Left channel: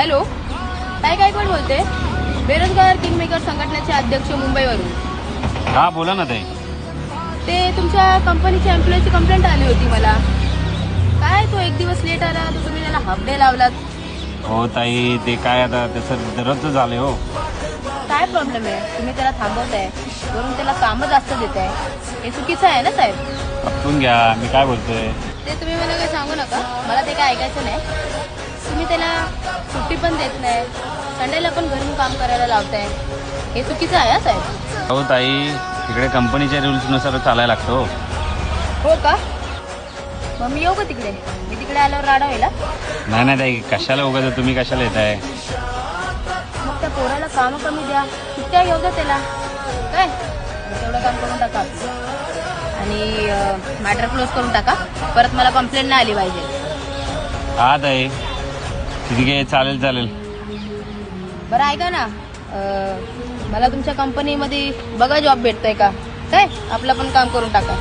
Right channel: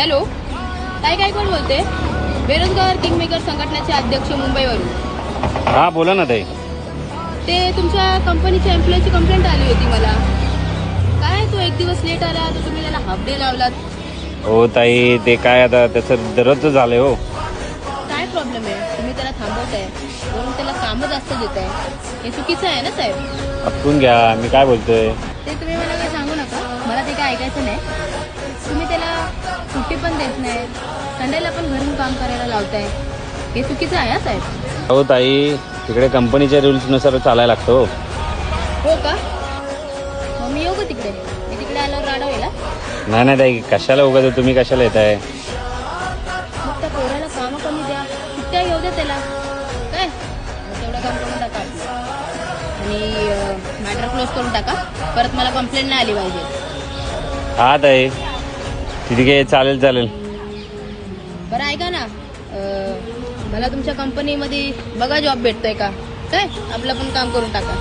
Hello, काय काय कोण बोलते? बेरोजगार किंगमेकर संघटनेचे अध्यक्ष मुंबईवरून. हा बोला ना ताई. ते तुमच्या कंपनीच्या एम्प्लॉईची कंप्लेंट आली होती मला. काय तो एक दिवस लेट आला तर तुम्ही त्याला हाफ डे लावलात. हो ताई, ते काय आता त्याचं दररोज झालं हो. काय प्रॉब्लेम आहे? तुम्ही त्याला थांबवताय, वरून त्याला कामं जास्त देताय. हे चुकीचं आहे ना साहेब? ऐकून घ्या मी काय बोलतोय. ते तुम्ही मला काही सांगू नका, मला ते काय ऐकायचं नाही. तुम्ही त्याला सुट्टी पण देत नाही, संडेला पण घरून काम करायला लावताय. हे चुकीचं आहे ना साहेब? हो ताई, तिकडे कंपनीच्या रूल्सनुसार चालायला लागतो. हो का? मग मी येऊ का तिकडे? मी तिकडे आल्यावर राडा व्हायला? नाही नाही ताई, कशाला उगाच तुम्ही कशाला येताय? मग त्या पोराला काम कमी द्या, सुट्ट्या घेऊ द्या त्याला. काय तेवढं काम करून टाका आपलं. आणि मॅटर क्लोज करून टाका. परत मला कंप्लेंट नाही आली पाहिजे. हा ताई, ठीक आहे, चालेल चालेल. बरं ऐका ना, मला तुमच्या कंपनीमध्ये बघा जॉब भेटतोय का? काय आपलं पण काम करून टाका.